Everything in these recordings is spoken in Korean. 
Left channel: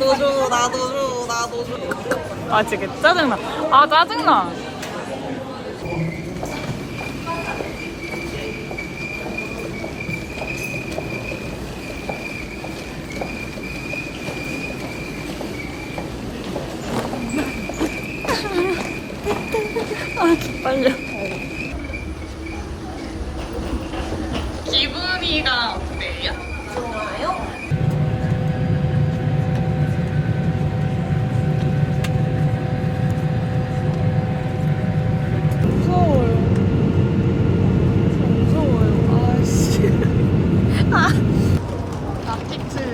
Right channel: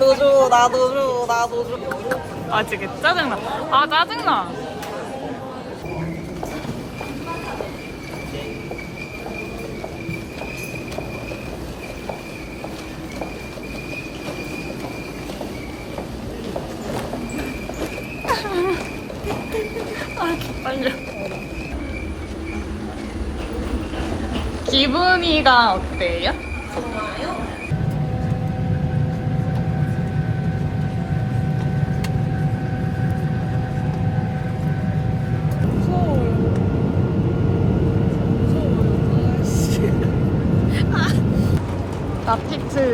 나도 줘, 나도 줘, 나도 줘. 아 진짜 개 짜증나. 아 짜증나. 아 빨려. 기분이가 어때요? 좋아요?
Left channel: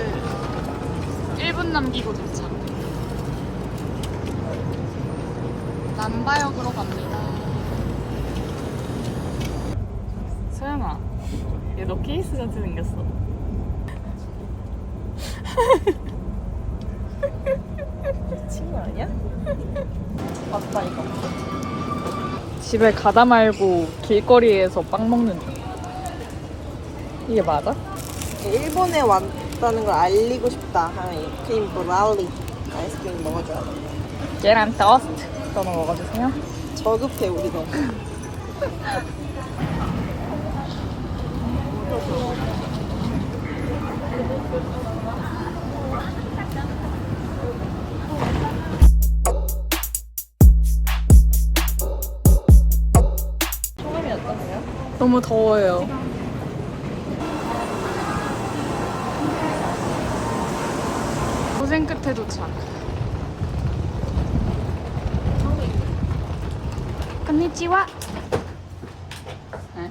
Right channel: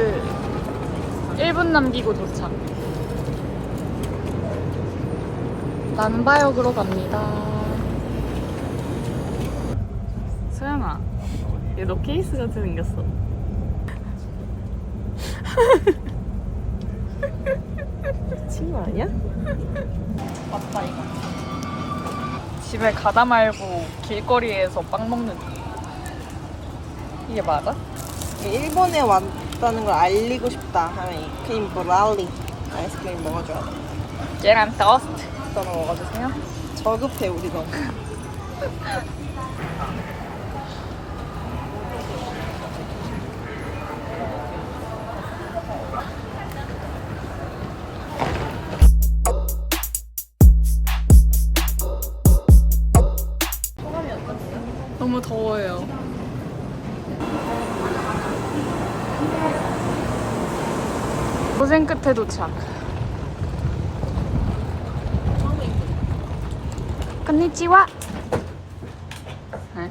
나피트 1분 남기고 도착. 난바역으로 갑니다. 소영아, 얘 너 케이스 같이 생겼어. 친구 아니야? 집에 가다 말고 길거리에서 빵 먹는 거. 이게 맞아? 일본에 왔다는 걸 알리고 싶다 크림 브라우니 아이스크림 먹어줘. 얘랑 더스트 이거 먹어주세요. 저급해 우리가. 너무 더워요. 고생 끝에 도착. 건니치와.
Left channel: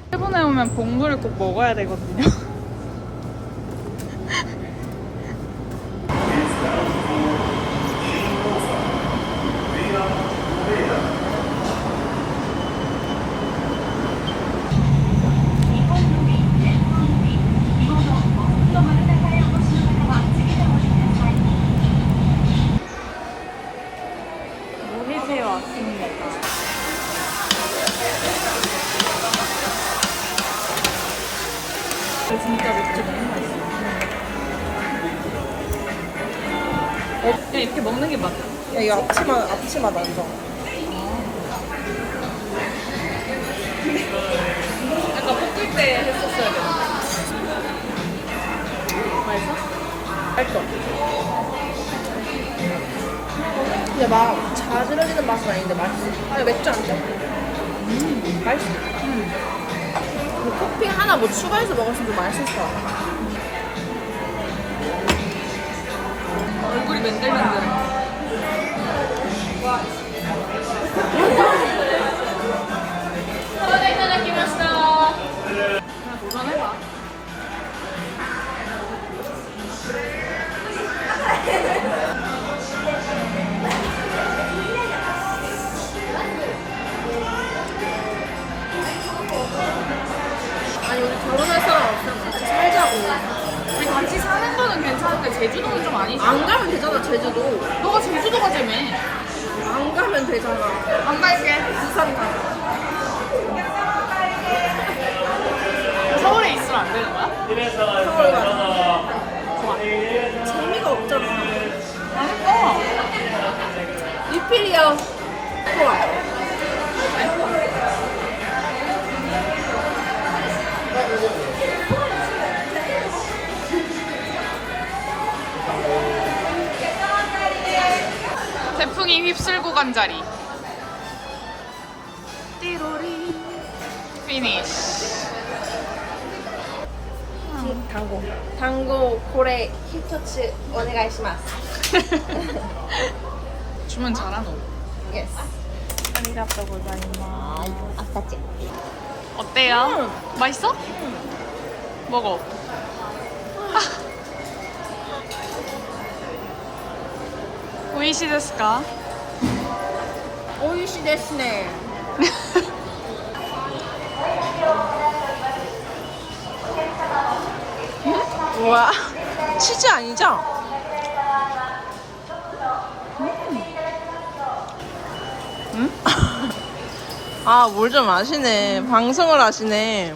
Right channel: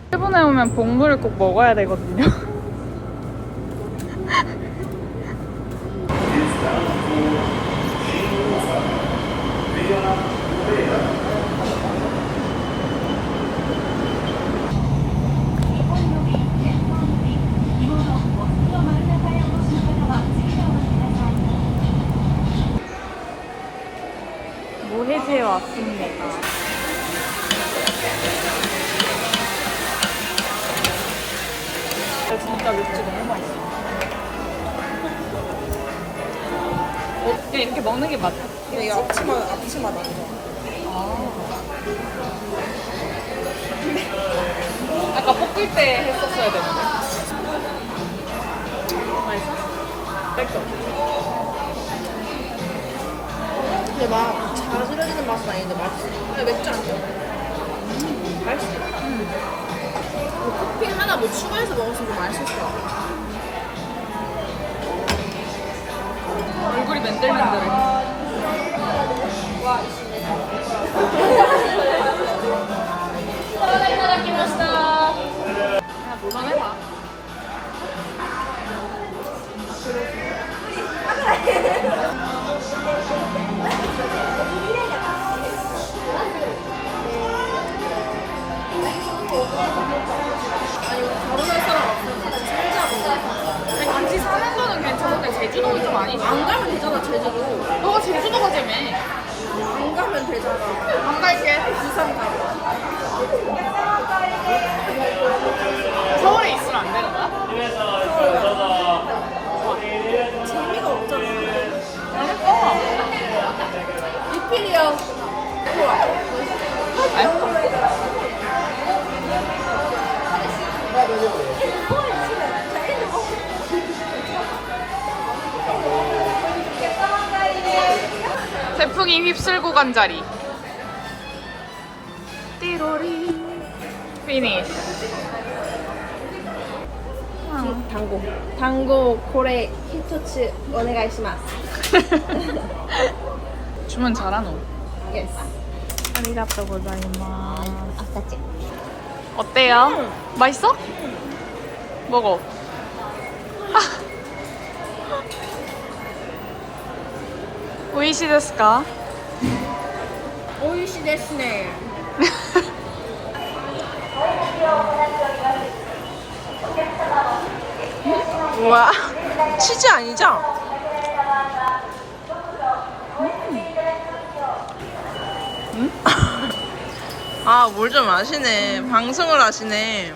일본에 오면 복물을 꼭 먹어야 되거든요. 진짜 맥주 너무 맛있어. 어, 이렇게 먹는 게 맞아. 야, 이거 앞치마 앞치마 만져. 아까 볶을 때 했었어야 되는데. 맛있어? 맛있어. 근데 막 자들어지는 맛은 아닌데 맛있어. 그냥 맥주 아니야? 음, 맛있어. 음. 그 토핑 하나 뭐 추가해서 먹었으면 좀 맛있었어. 얼굴이 맨들맨들해. 그냥 도전해봐. 태풍이 휩쓸고 간 자리. 띠로리. 피니쉬. 당고. 당고 고래 히터치 오네가이시마스. 주문 잘하노. 예스. 아리가또 고자이마스. 아싸지. 어때요? 맛있어? 먹어. 데스네. 우와. 치즈 아니죠? 응? 아, 뭘 좀 아시네. 방송을 하시네.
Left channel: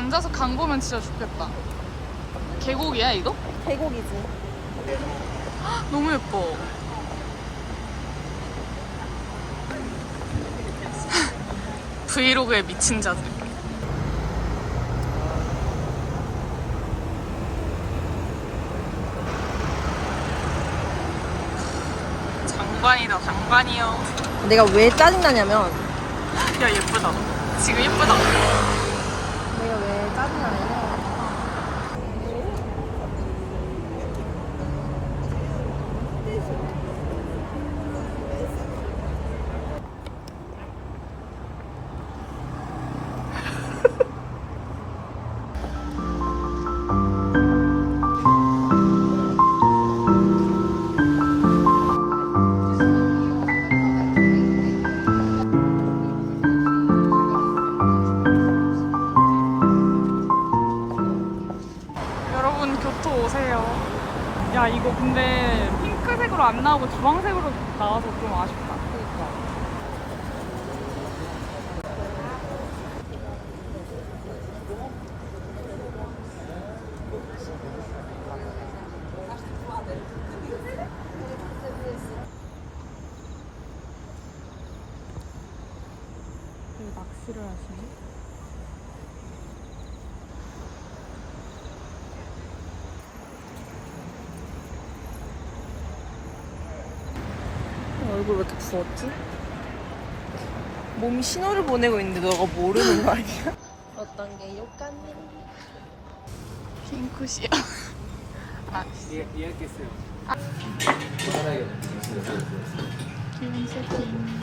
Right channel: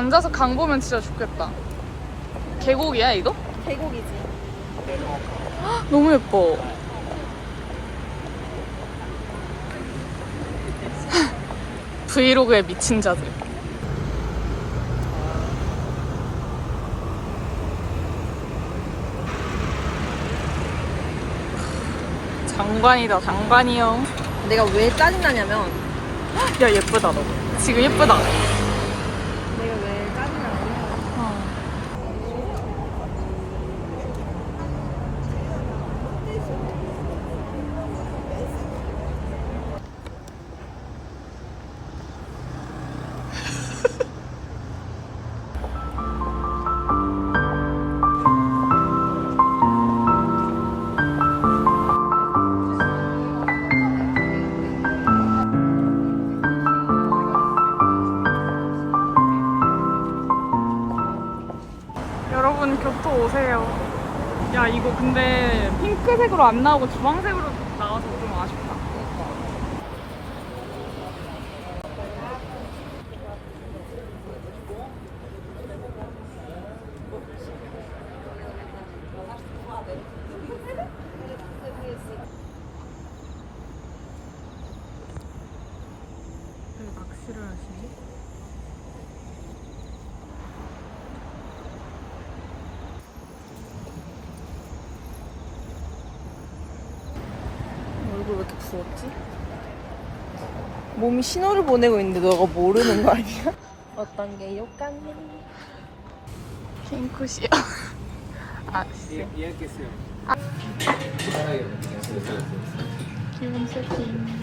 앉아서 강 보면 진짜 좋겠다. 계곡이야 이거? 계곡이지. 너무 예뻐. 브이로그에 미친 자들. 장관이다, 장관이요. 내가 왜 짜증나냐면 야, 예쁘다, 너. 지금 예쁘다. 안 나오고 주황색으로 나와서 좀 아쉽다. 여기 낚시를 하시네. 얼굴 왜 이렇게 부었지? 몸이 신호를 보내고 있는데 너가 모르는 거 아니야? 어떤 게 욕강? 핑크시야. 아, 씨. 기본 세팅.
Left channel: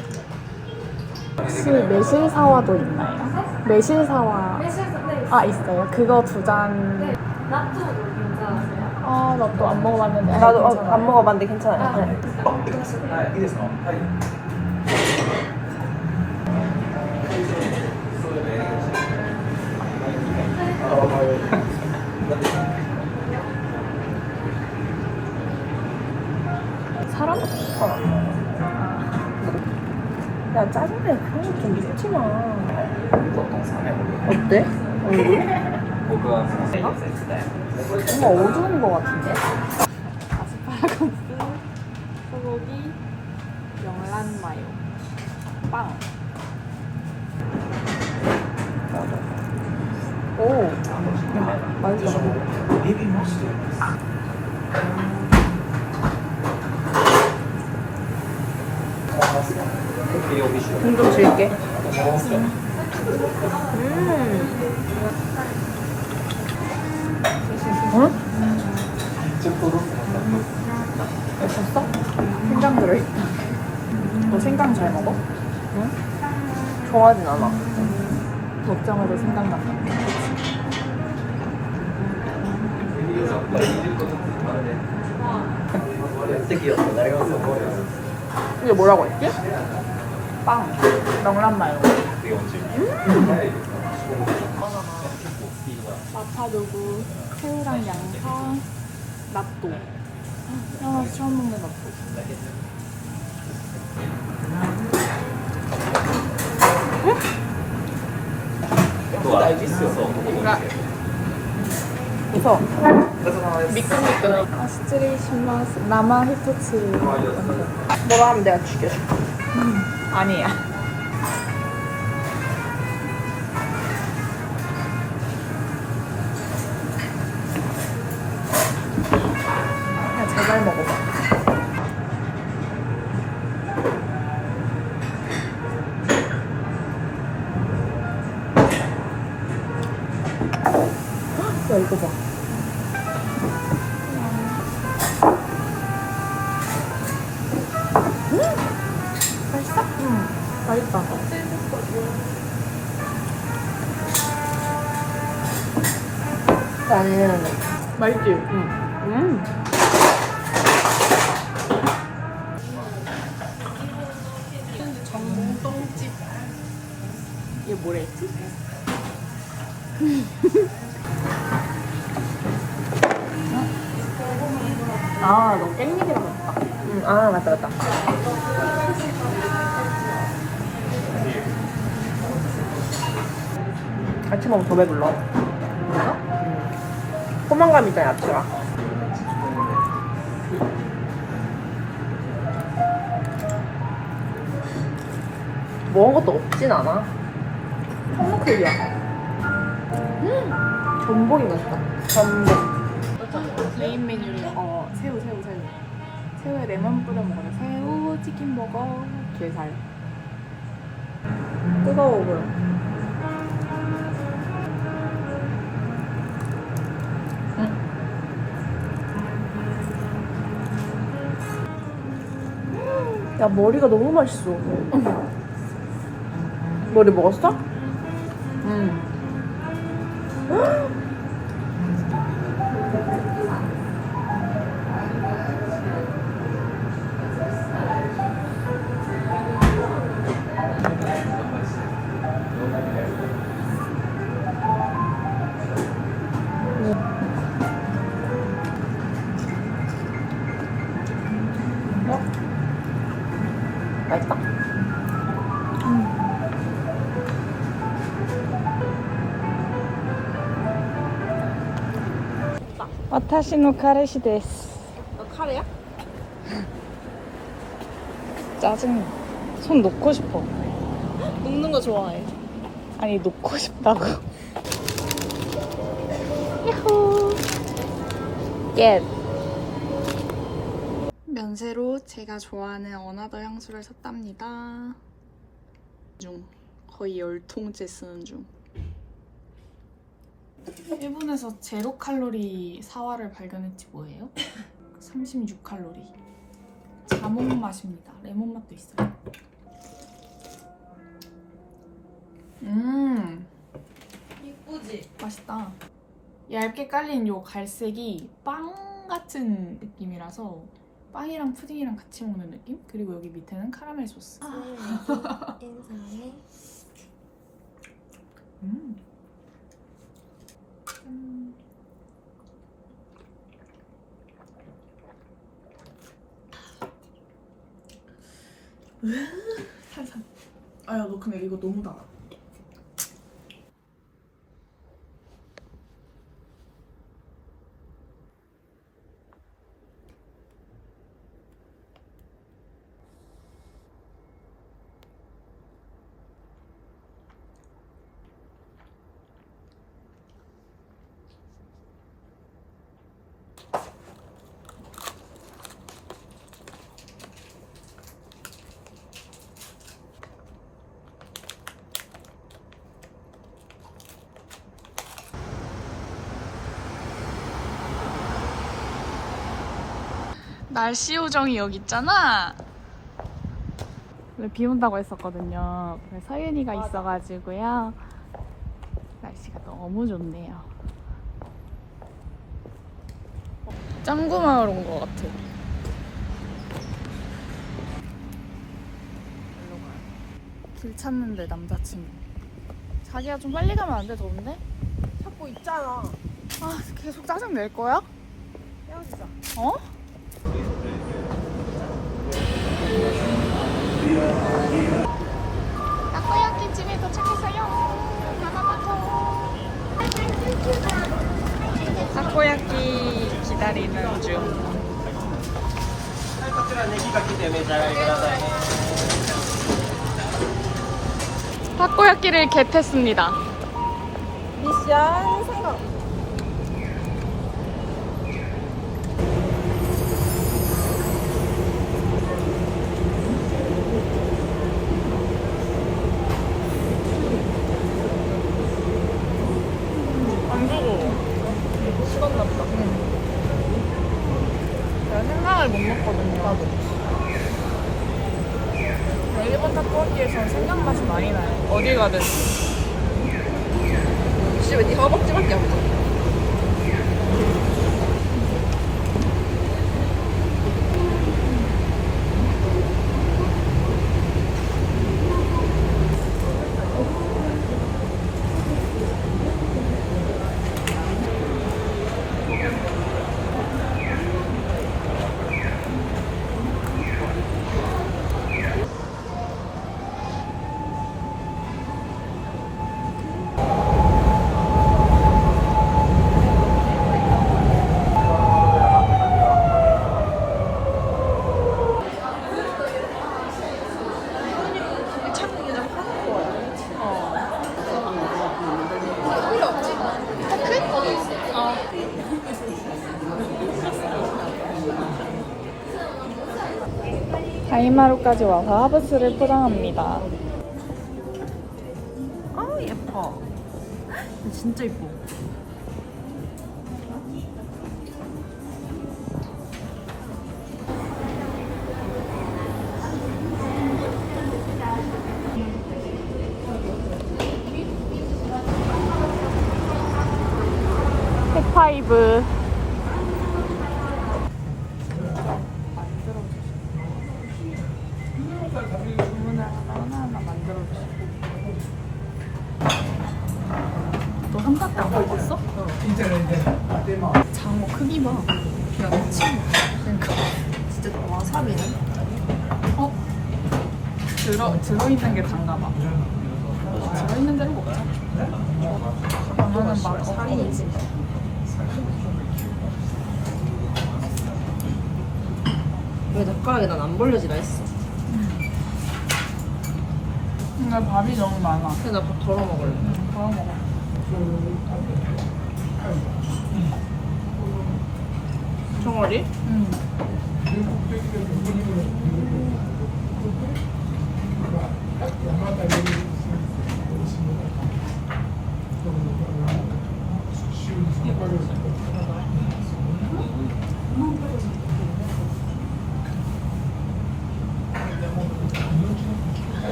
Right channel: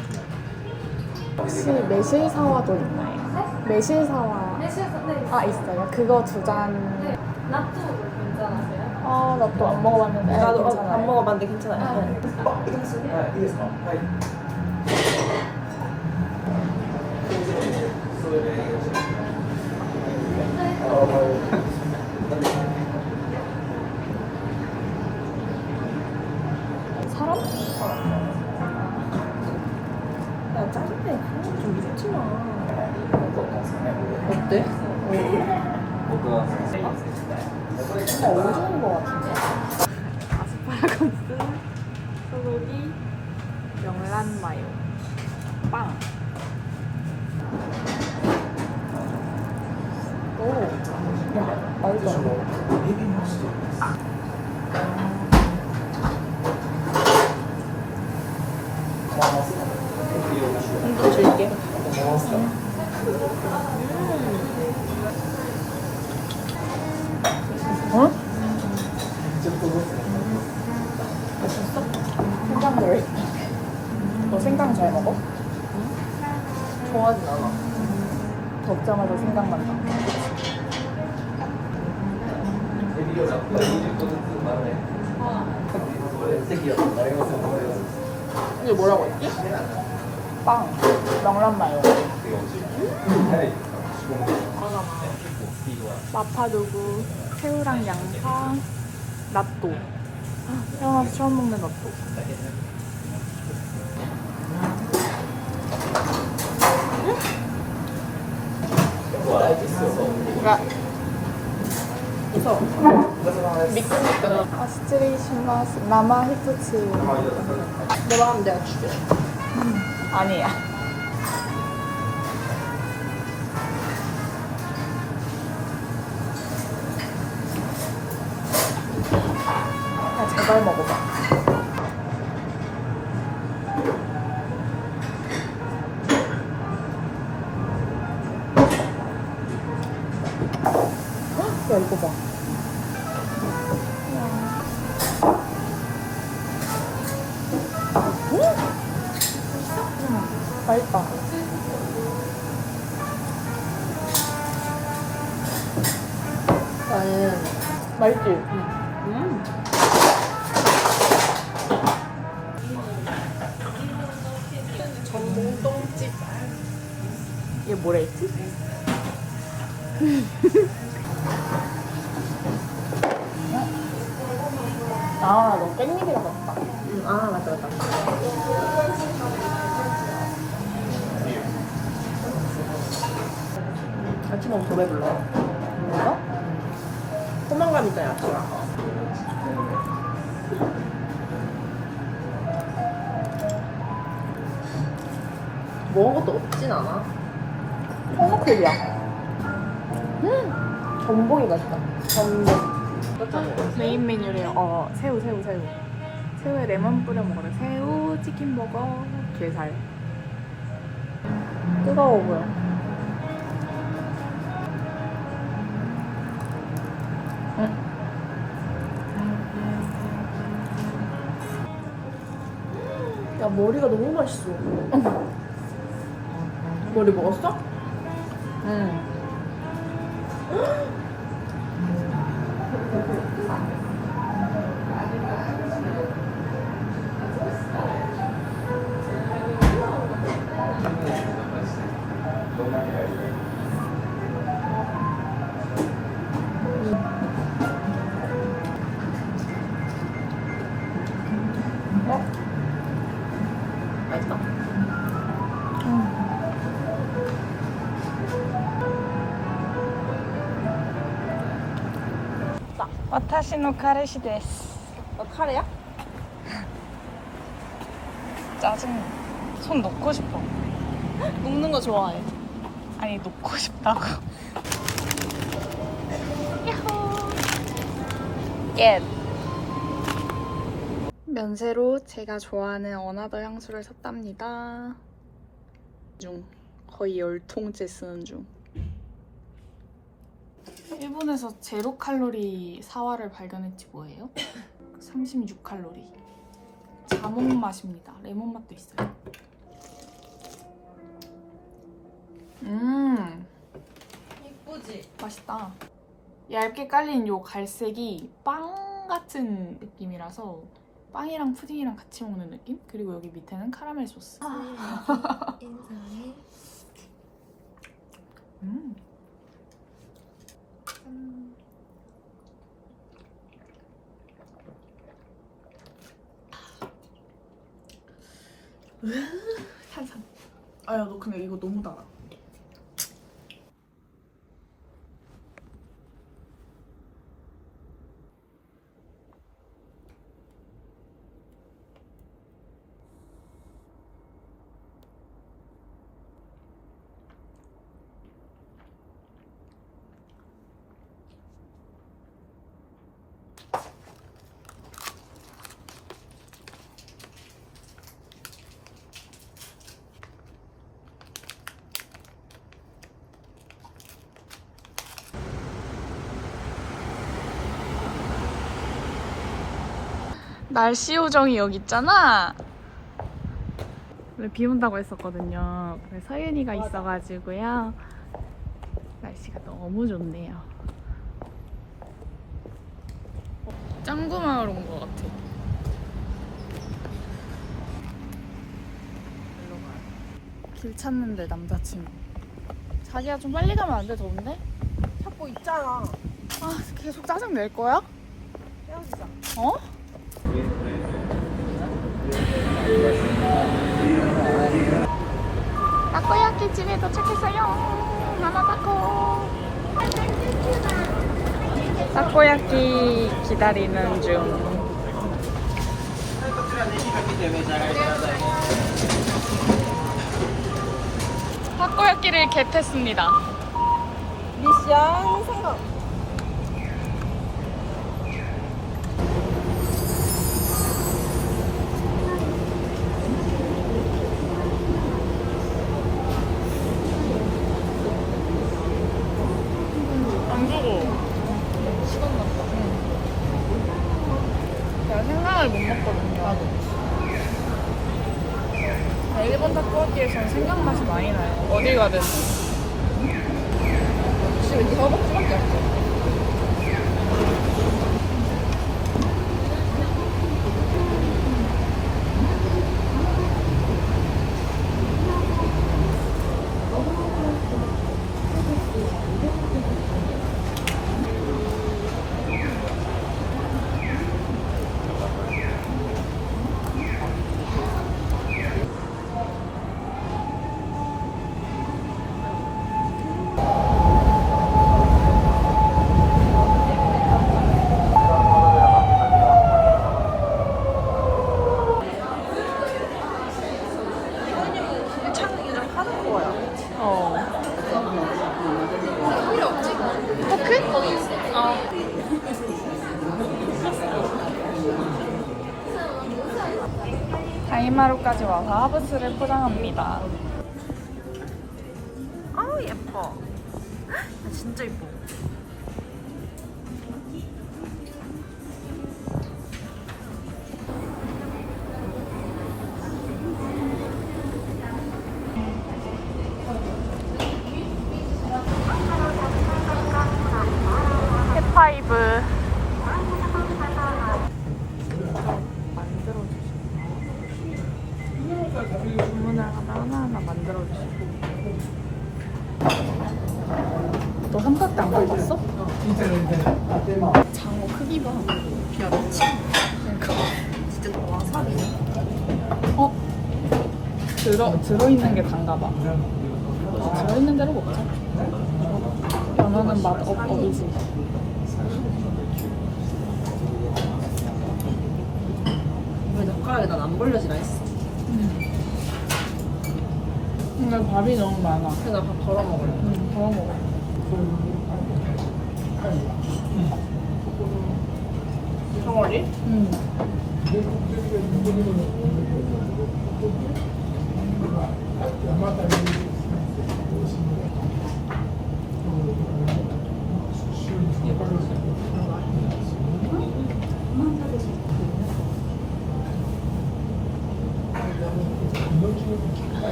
혹시 매실사와도 있나요? 매실사와. 아, 있어요? 그거 두 잔. 아, 나 또 안 먹어봤는데. 아, 나도 어, 괜찮아요. 안 먹어봤는데 괜찮아요. 사람? 야 짜증내 그런 거좀 믿지 마. 어때? 얼굴? 뭔가 어두운 거 같은데? 아스파라거스, 소고기, 명란 마요, 빵. 오, 야 맛있어. 힘좀 줄게. 음. 어? 맛있어? 생강 들어있다. 너 생강 잘 먹어? 응? 좋아하진 않아. 먹자마자 생각난다. 이게 뭐라고 했지? 빵, 명란 마요. 마파두부, 새우랑 양파, 낫또. 태어나서 처음 먹는 낫또. 뭔가 그래서 미끈미끈해. 아스트레이시마스 나마 히토츠. 뭐라 하면 내가 죽여. 아니야. 야, 제발 먹어봐. 헉, 야, 이거 봐. 맛있어? 응, 맛있다. 나는 맛있지? 음. 뭐라 했지? 아, 너 깻잎이라 그랬다. 음, 아 맞다 맞다. 같이 먹으면 더 배불러. 그래서? 포만감 있잖아, 야채가. 먹은 것도 없진 않아. 청록색이야. 전복이 맛있다. 전복. 메인 메뉴래요. 어, 새우, 새우, 새우. 새우에 레몬 뿌려 먹어요. 새우, 치킨 버거, 게살. 뜨거워 보여. 야, 머리가 너무 맛있어. 머리 먹었어? 응. 어? 와타시노 카레시 데스. 너 카레야? 짜증나. 손 놓고 싶어. 눕는 거 좋아해. 아니, 놓고 싶다고. 겟. 면세로 제가 좋아하는 어나더 향수를 샀답니다. 중 거의 열 통째 쓰는 중. 일본에서 제로 칼로리 사화를 발견했지 뭐예요? 36 칼로리. 자몽 맛입니다. 레몬 맛도 있어요. 음. 이쁘지? 맛있다. 얇게 깔린 요 갈색이 빵 같은 느낌이라서 빵이랑 푸딩이랑 같이 먹는 느낌? 그리고 여기 밑에는 카라멜 소스. 인사해. 음. 살살. 아야 너 근데 이거 너무 달아. 날씨 요정이 여기 있잖아. 원래 비 온다고 했었거든요. 서윤이가 있어가지고요. 날씨가 너무 좋네요. 짱구 마을 온 것 같아. 길 찾는데 남자친구. 자기야 좀 빨리 가면 안 돼? 더운데? 찾고 있잖아. 아 계속 짜증 낼 거야? 헤어지자. 어? 타코야키 집에 도착했어요. 마마 타코. 타코야키 기다리는 중. 타코야키를 겟했습니다. 미션 성공. 안 주고. 제가 생강을 못 먹거든요. 근데 일본 타코야키에서는 생강 맛이 많이 나 다이마루까지 와서 하브스를 포장합니다. 아 예뻐. 진짜 예뻐. 들어, 들어있는 게 단가 봐. 들어있는 대로 먹자. 연어는 맛 없고. 왜 젓가락에 난 안 벌려지라 했어. 근데 밥이 너무 많아. 그래서 나밥 덜어 먹을래. 응, 더 먹어. 종아리? 응. Yeah.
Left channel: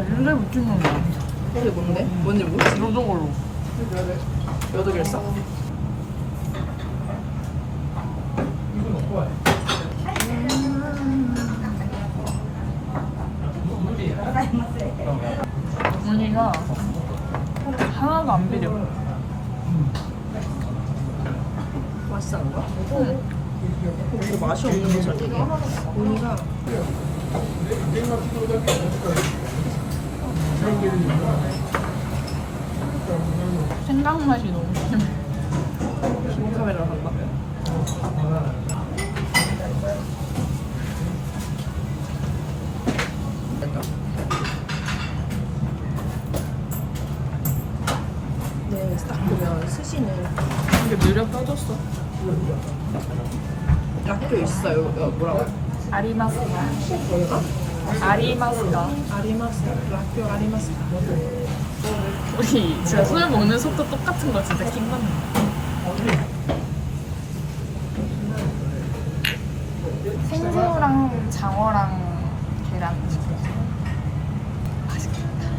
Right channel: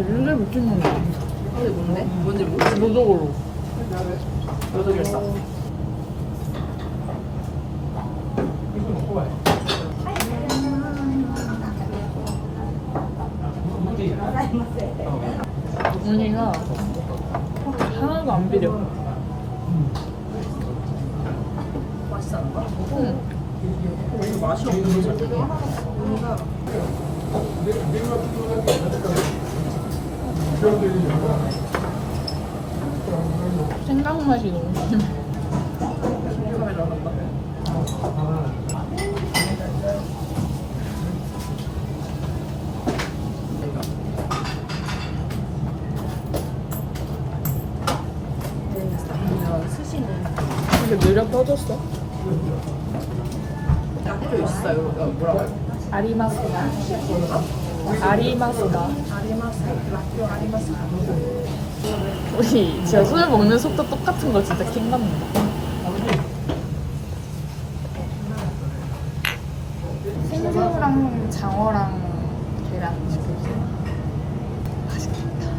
나 릴레 미친 놈이야. 근데 뭔데? 뭔지 모르겠어. 노적으로. 여덟 개 써. 언니가 하나도 안 비려. 맛있는 거야? 응. 이거 맛이 없는데 솔직히. 언니가 생강 맛이 너무 심해. 네, 근데 느려 떠졌어. 락교 있어요. 뭐라고? 아리마스가. 아리마스가. 우리 진짜 술 먹는 속도 똑같은 거 진짜 킹받는다. 생새우랑 장어랑 계란 시켰어요. 맛있겠다.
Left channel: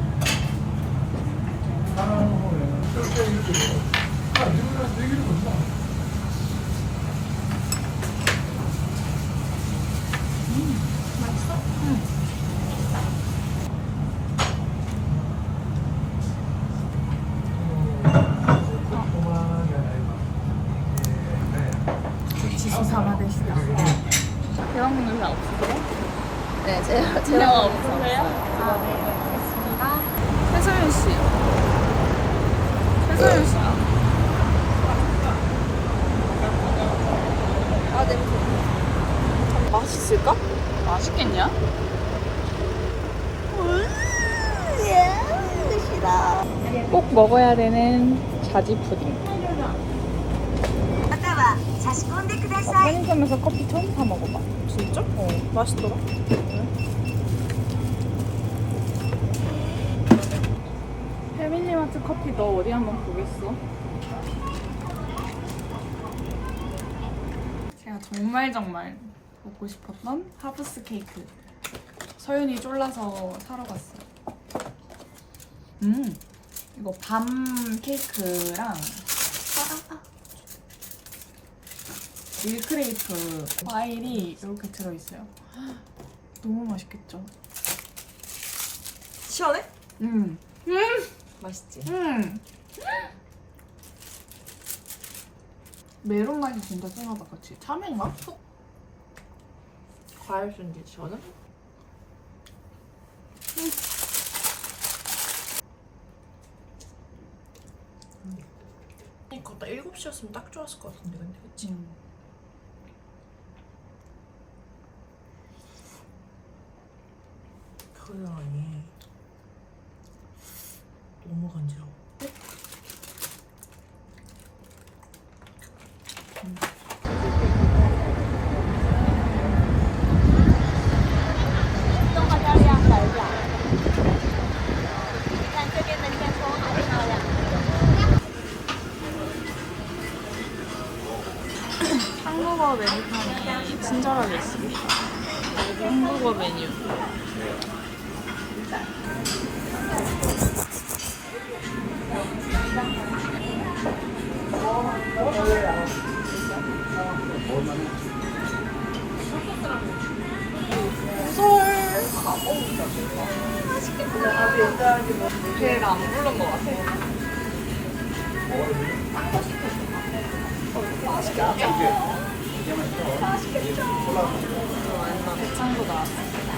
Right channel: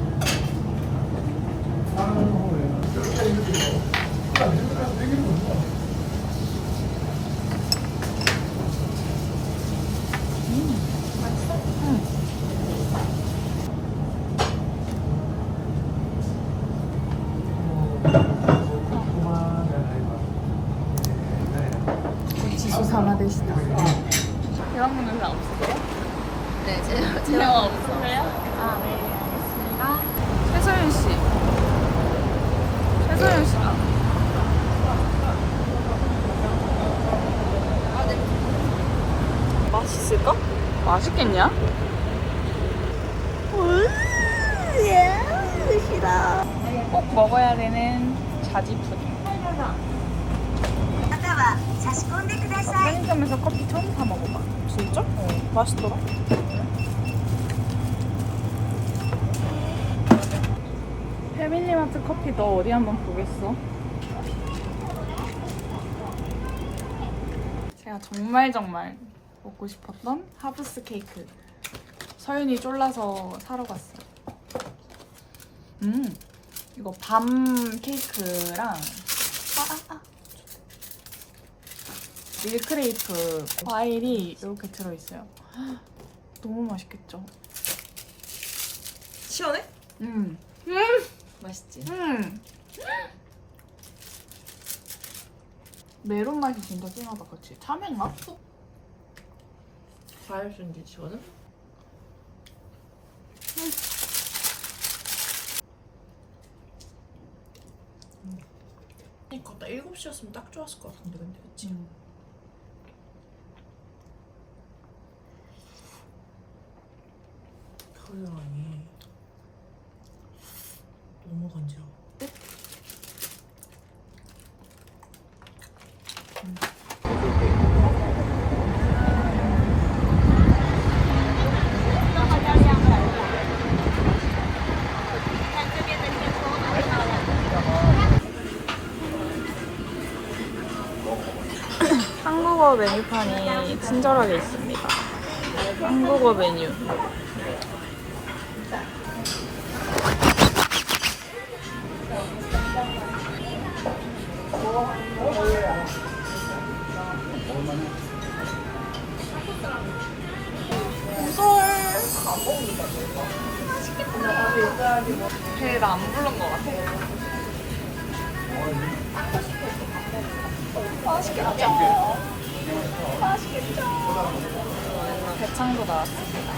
지수 사마데시다. 대박 먹는 사 없으세요? 대화하면서. 그래요? 아, 네. 알겠습니다. 해서연 씨. 해서연 씨. 아, 아 네. 참 맛있을까? 맛있겠냐? 음, 예, 싫어. 꼭 먹어야 되는 자지 푸딩. 편의점에서 커피 처음 사 먹어봐. 진짜? 어, 맛있더라. 패밀리마트 커피 너 어디 한번 보겠어? 제가 정말 정말 먹고 싶었던 하브스 케이크 서윤이 쫄라서 사러 갔어요. 음 이거 밤 케이크랑 아, 아, 아. 밀크레이프 과일이 이렇게 들어있어요. 너무 맛있겠죠? 시원해? 음. 맛있지? 음. 메론 맛이 진짜 진하다, 그치? 참외인가? 과일 순지 시원해? 이거 나 7시였으면 딱 좋았을 것 같은데 근데 그치? 음. 겨드랑이 너무 간지러워 한국어 메뉴판이 친절하게 있습니다. 한국어 메뉴. 배를 안 부른 것 같아. 대창도 나왔습니다.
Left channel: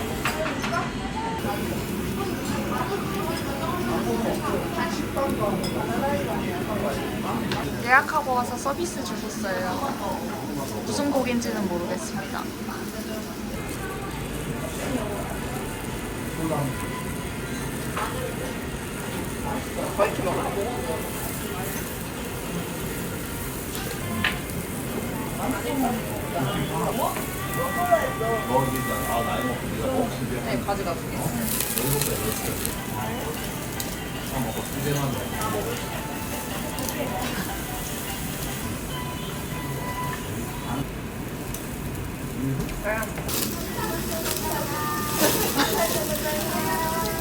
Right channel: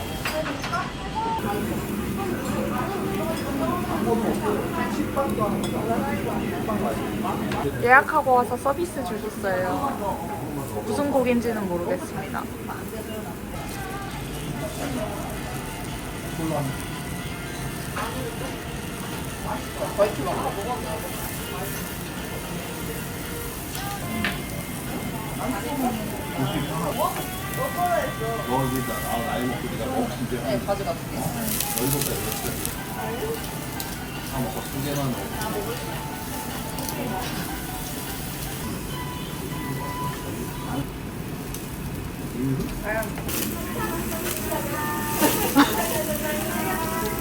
예약하고 와서 서비스 주셨어요. 무슨 곡인지는 모르겠습니다.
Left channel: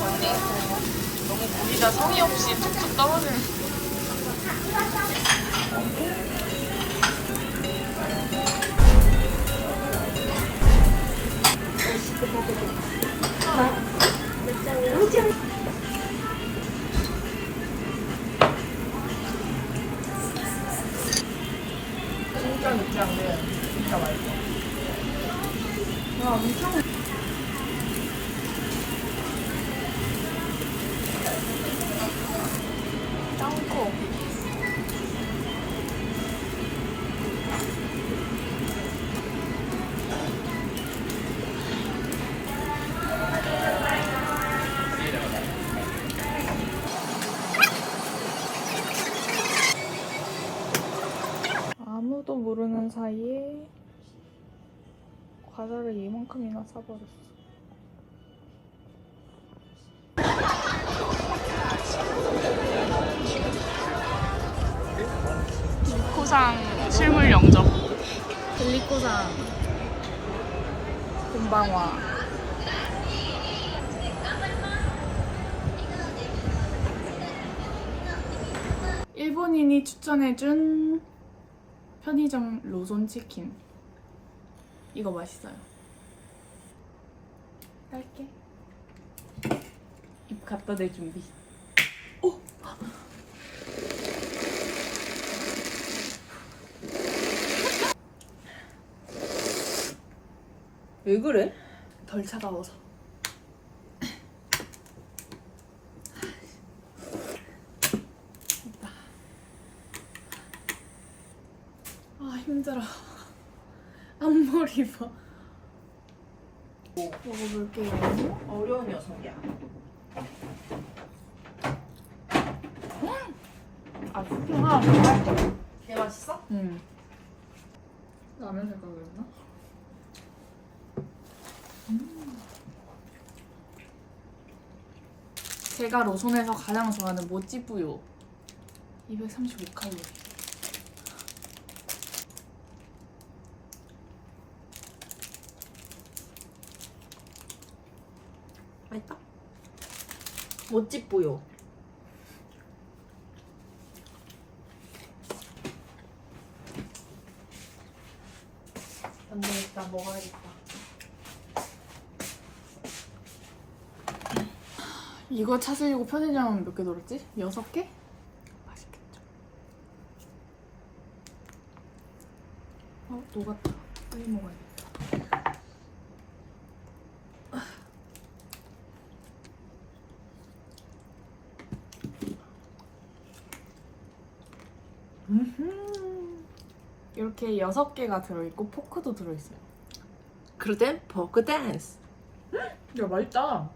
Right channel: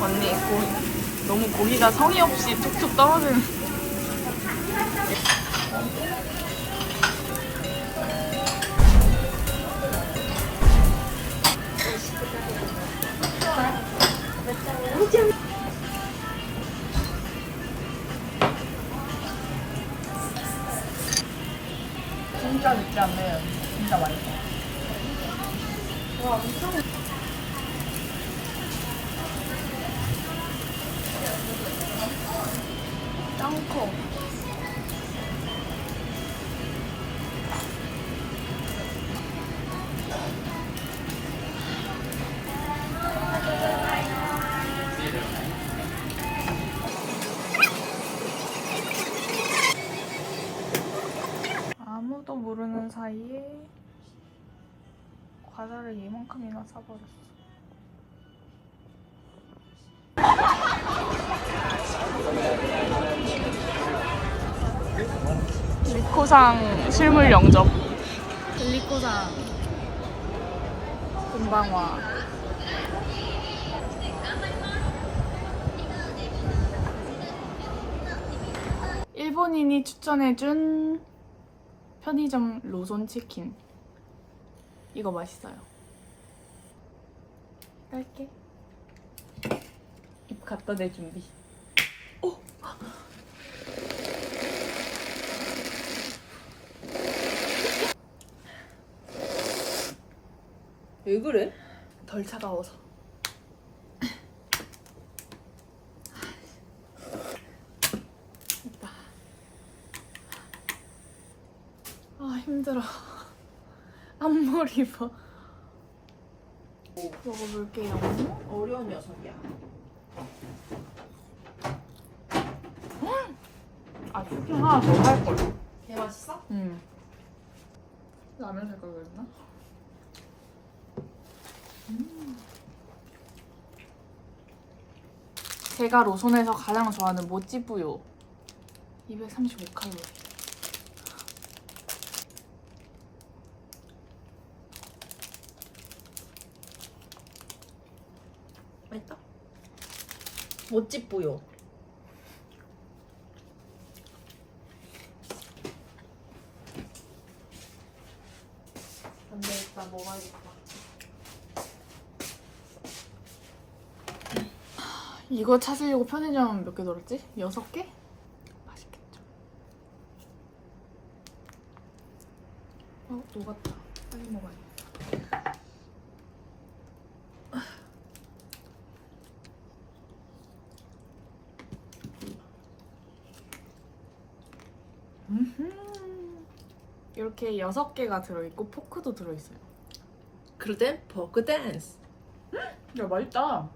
언니, 고, 너무 고기가 성의 없이 툭툭 떨어지는. 짱 리코상 실물 영접. 리코상 금방와. 일본인이 추천해준 편의점 로손 치킨. 이거 맛있어요. 할게. 입 갖다 대 준비. 왜 그래? 덜 차가워서. 아 힘들어. 앞머리 봐. 먹어볼게요. 어려운 녀석이야 아 쿠킹 하나 더할 걸. 개 맛있어? 응. 라면 색깔 그랬나? 음. 제가 로손에서 가장 좋아하는 모찌뿌요. 235칼로리. 맛있다? 멋집 보여 안되겠다 먹어야겠다 이거 찾으려고 편의점 몇 개 돌았지? 여섯 개? 맛있겠죠? 어, 녹았다. 빨리 먹어야겠다. 이렇게 여섯 개가 들어있고 포크도 들어있어요. 그럴 땐 버크 댄스. 야, 맛있다.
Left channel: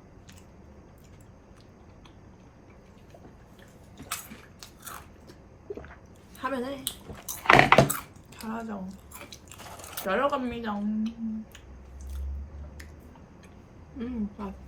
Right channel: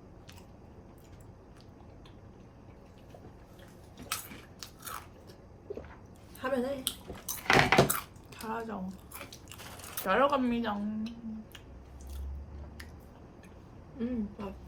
가죠. 자러 갑니다. 음, 맛있다.